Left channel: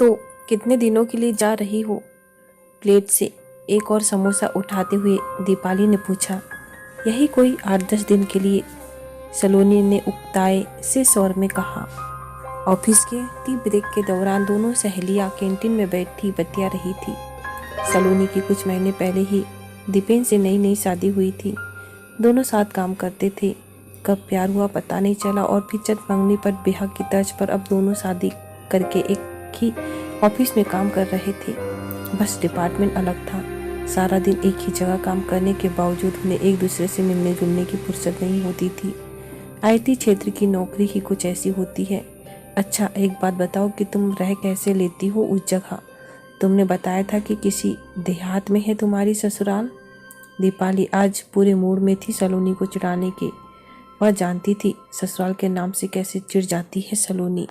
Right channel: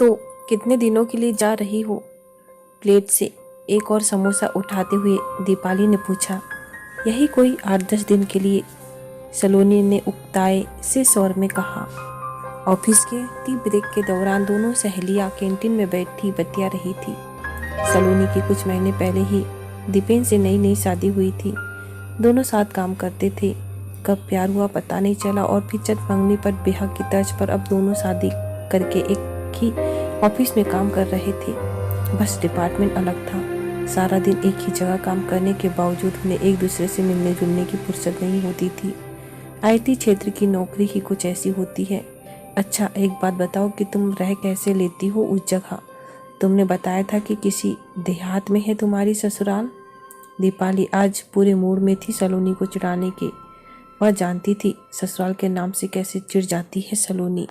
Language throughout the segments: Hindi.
तो कितने दिनों के लिए जा रही हो? प्लेट से एक और समोसा उठाते हुए दीपाली ने पूछा। यही कोई 8-10 दिन के लिए, सलोनी ने उकताए से स्वर में कहा। ऑफिस के टी ब्रेक के दौरान दोनों सहेलियां कैंटीन में बैठी बतिया रही थी। सलोनी की कुछ महीने पहले ही दीपेन से नई नई शादी हुई थी। दोनों साथ काम करते थे। कब प्यार हुआ पता नहीं चला और फिर चट मंगनी पर ब्याह की तर्ज पर अब दोनों शादी करके एक ही ऑफिस में काम कर रहे थे। बस डिपार्टमेंट अलग था। सारा दिन एक ही जगह काम करने के बावजूद उन्हें एक दूसरे से मिलने जुलने की फुर्सत नहीं होती थी। आईटी क्षेत्र की नौकरी ही कुछ ऐसी होती है। अच्छा, एक बात बताओ कि तुम रह कैसे लेती हो उस जगह? तुमने बताया था कि किसी देहात में है तुम्हारी ससुराल। दीपाली आज पूरे मूड में थी सलोनी को चिढ़ाने के। वह जानती थी ससुराल के नाम से कैसे चिढ़ जाती है सलोनी।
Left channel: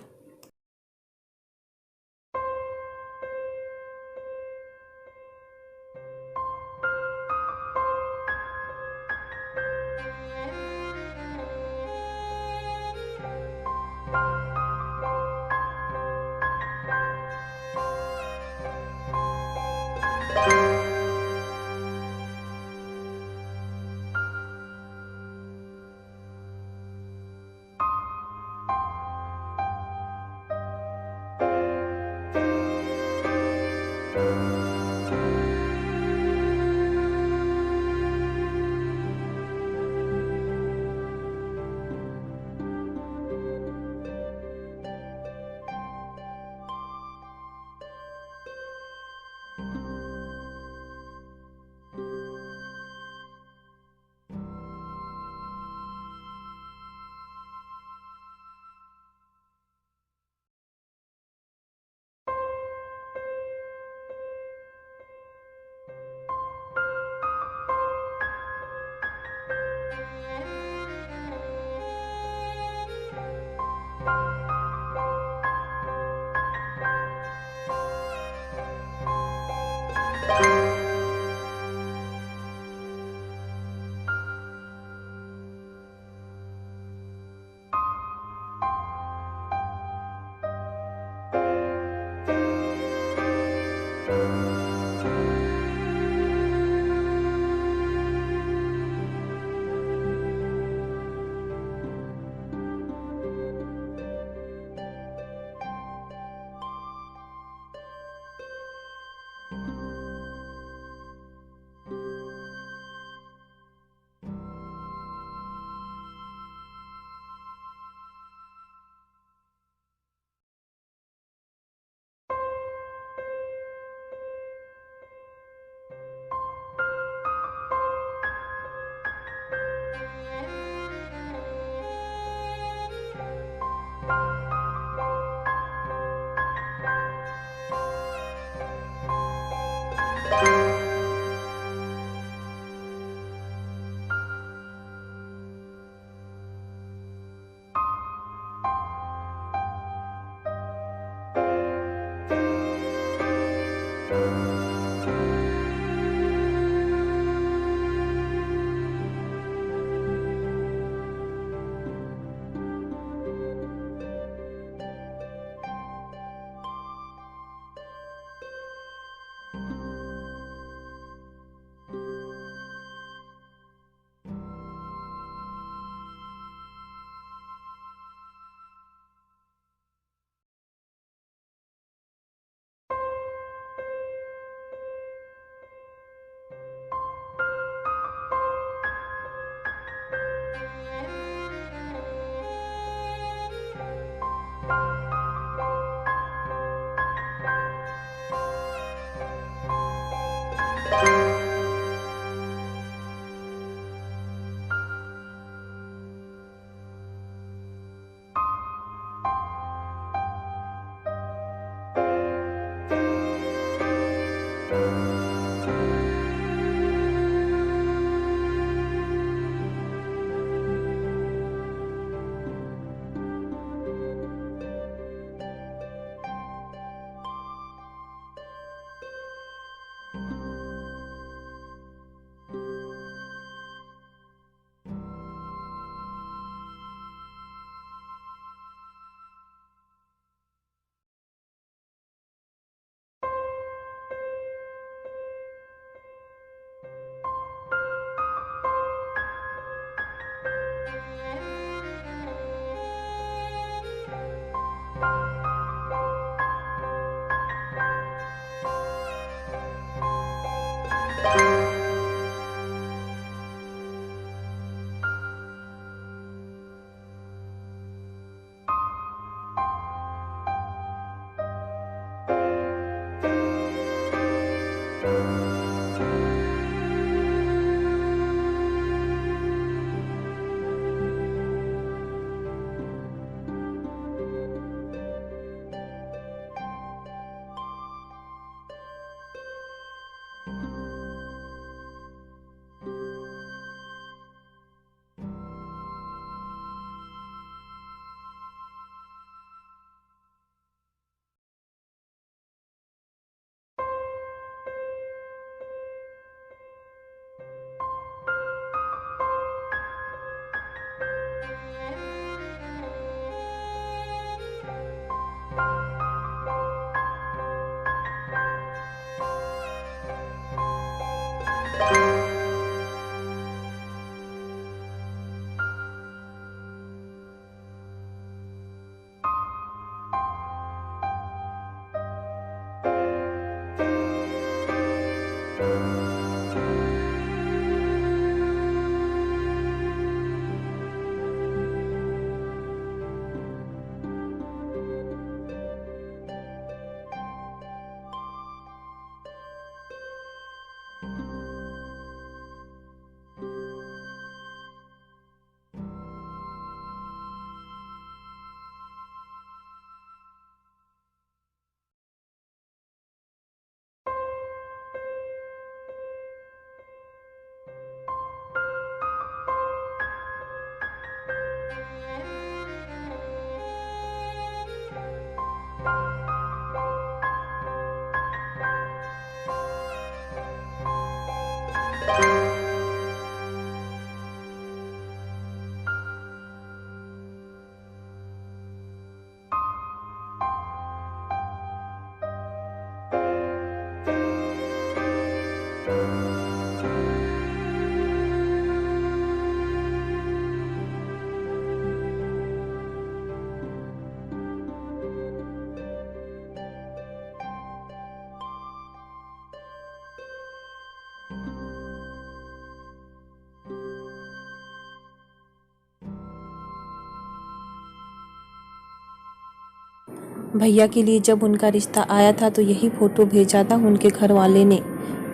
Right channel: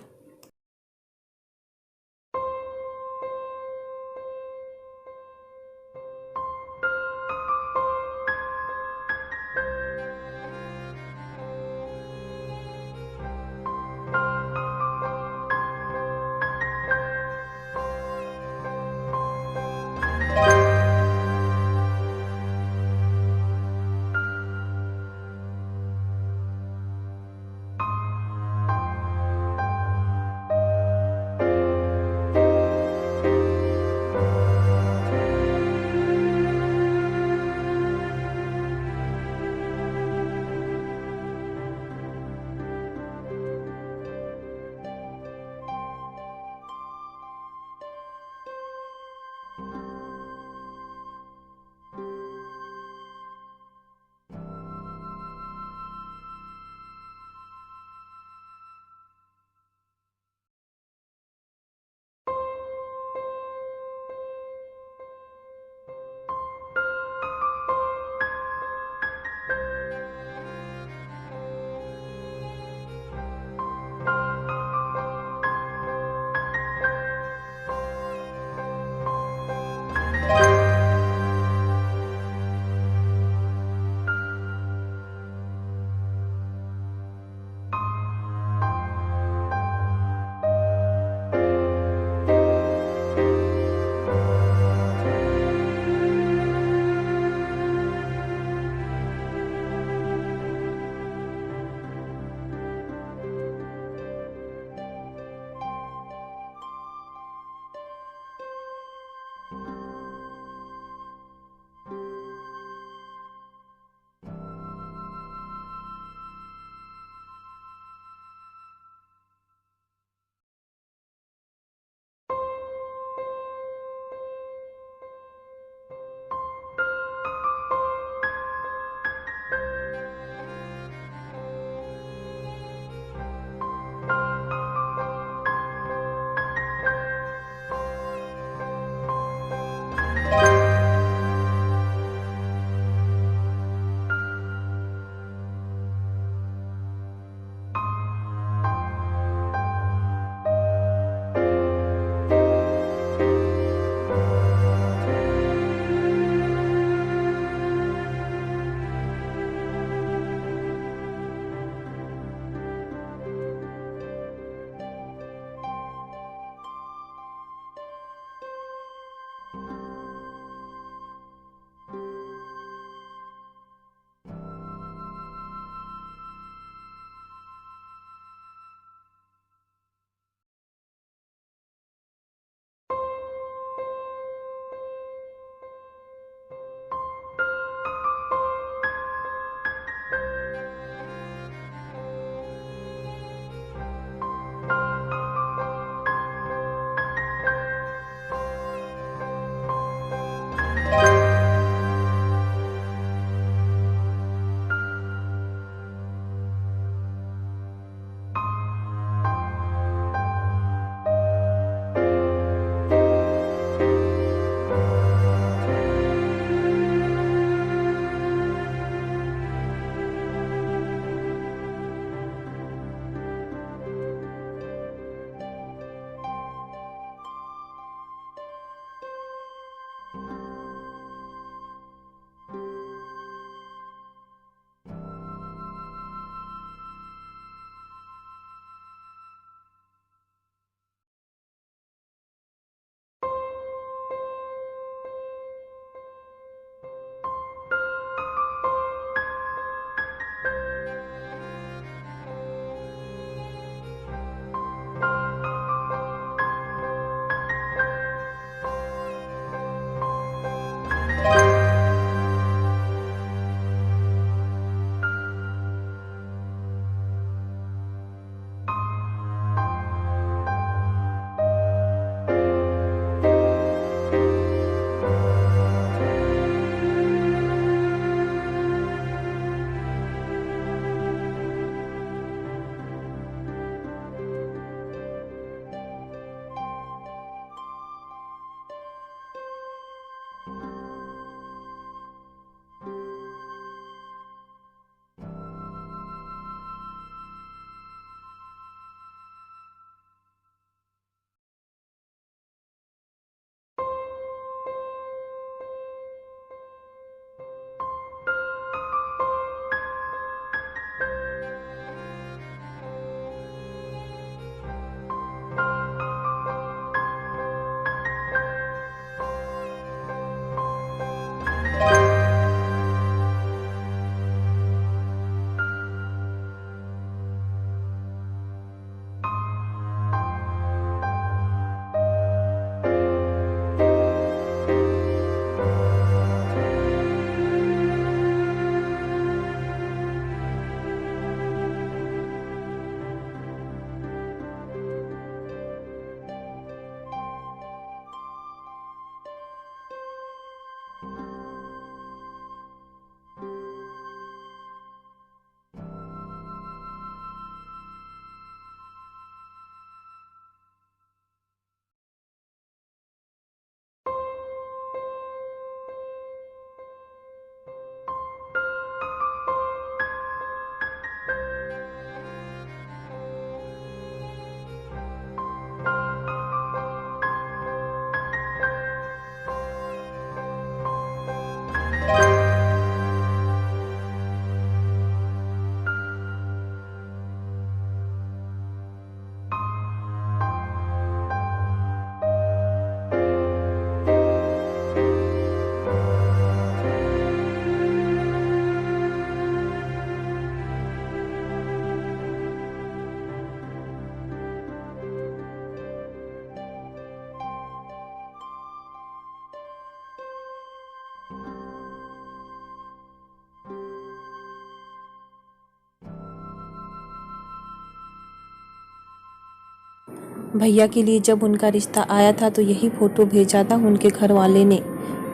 भैया के लिए जब उनका रिश्ता आया था तो यही फोटो भेजा था उनके घर वाले ने।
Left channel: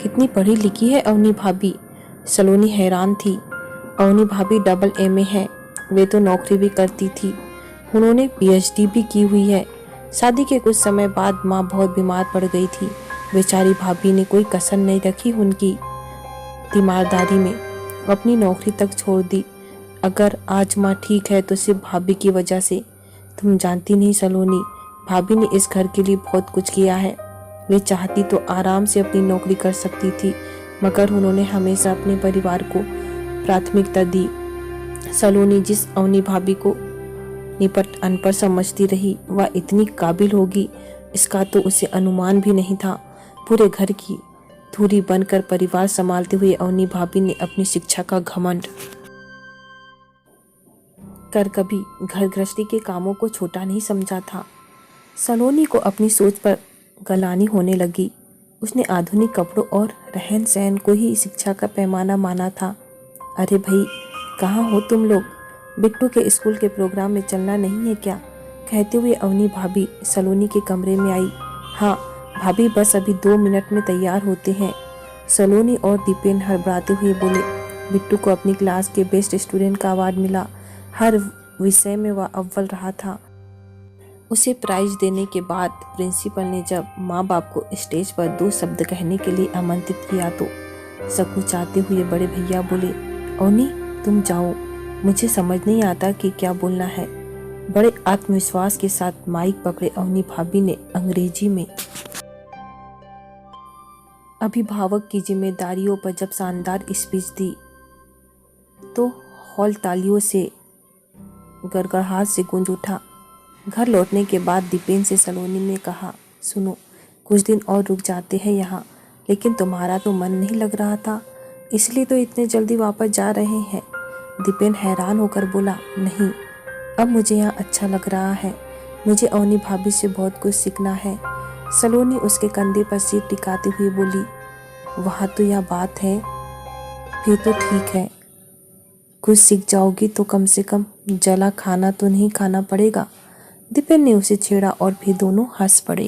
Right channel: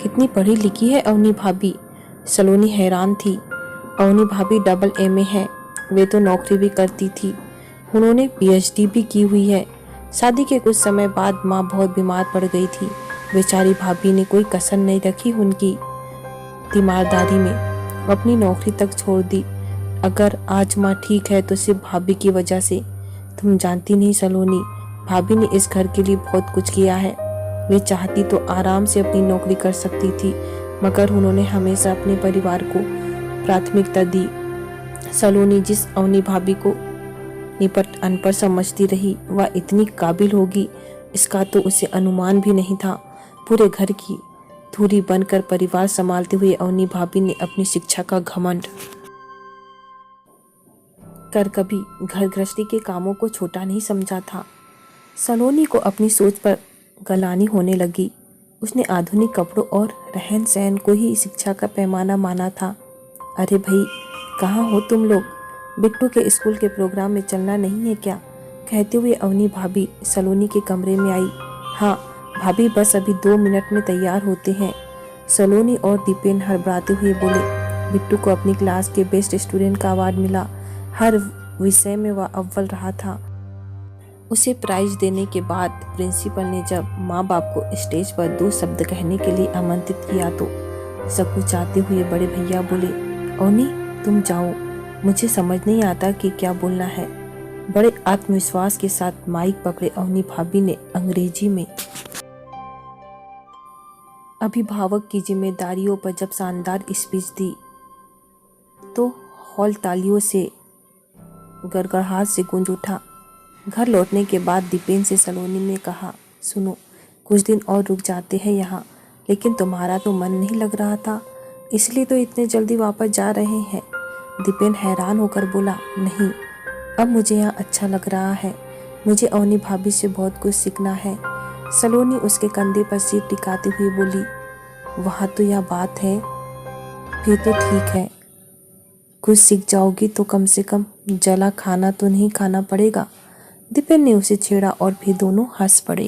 कितनी पढ़ी लिखी है अवनी भाभी। सलोनी हैरान थी। अवनी भाभी डबल एमए है, वे तो नौकरी भी करती थी। उन्होंने पीएचडी भी की हुई है। शादी के कुछ समय बाद माँ बहुत बीमार पड़ गई थी। बेचारी भाभी ने कोई कसर नहीं रखी उनकी तीमारदारी में, अपनी नौकरी तक छोड़ दी। अगर आज माँ ठीक है तो सिर्फ भाभी की वजह से। तुम जानती नहीं सलोनी, भाभी ने इस घर के लिए बहुत कुछ किया है। वे चाहती तो आराम से अपनी नौकरी कर सकती थी, मगर उन्होंने हमेशा अपने परिवार को प्राथमिकता दी। सलोनी जिस अवनी भाभी को निपट अनपढ़ समझती रही, वह इतनी काबिल होगी इसका तो उसे अनुमान भी नहीं था। पूरे घर की धुरी बनकर परिवार संभालते हुए अवनी भाभी ने अपनी शिक्षा का घमंड कर कभी घर गृहस्थी के कामों को छोटा नहीं समझा था। सलोनी को अपनी सोच पर गलानी होने लगी। उसने आधुनिक कपड़ों और रहन सहन को ही शिक्षा का पैमाना माना था। अरे भाई, कहाँ हो तुम लोग? बिट्टू के स्कूल के प्रोग्राम में चलना नहीं है क्या? कहते हुए अवनी भाभी सलोनी के कमरे में आई। हाँ भाभी, बस अभी 2 मिनट में तैयार होते हैं। सलोनी और दीपेन हड़बड़ाते हुए बोले। बिट्टू को अपनी क्लास के बेस्ट स्टूडेंट का अवार्ड मिला। हर विषय में वह अव्वल रहा था। उसे प्राइज देने के बाद प्रिंसिपल ने जब माँ बाप को स्टेज पर 2 शब्द कहने के लिए आमंत्रित किया तो सकुचाते हुए बड़े भैया बोले, अवनी तुम जाओ, मुझे समझ नहीं आता कि क्या बोलना है। बड़े आत्मविश्वास के साथ माइक पकड़े अवनी भाभी ने अंग्रेजी में अभिभावक की जिम्मेदारियों पर जब शानदार स्पीच दी तो हॉल तालियों से गड़गड़ाहट से गूंज उठा। घर लौटने के बाद दीपेन से सलोनी ने कहा, सुनो, कुछ दिन और रुक जाते हैं यहाँ, लेकिन तुम्हारा तो मन नहीं लग रहा था, इसलिए तो इतने जल्दी वापस जा रहे हैं। दीपेन हैरान होकर बोला, नहीं, अब मुझे यहाँ अच्छा लग रहा है। मुझे अवनी भाभी से बहुत कुछ सीखना है। सलोनी उसके कंधे पर सिर टिकाते हुए बोली, वहाँ तो यह बात है, फिर तो ठीक है। कुछ सीख जाओगी तो कम से कम जला खाना तो नहीं खाना पड़ेगा। दीपेन ने उसे छेड़ा और फिर दोनों हंस पड़े।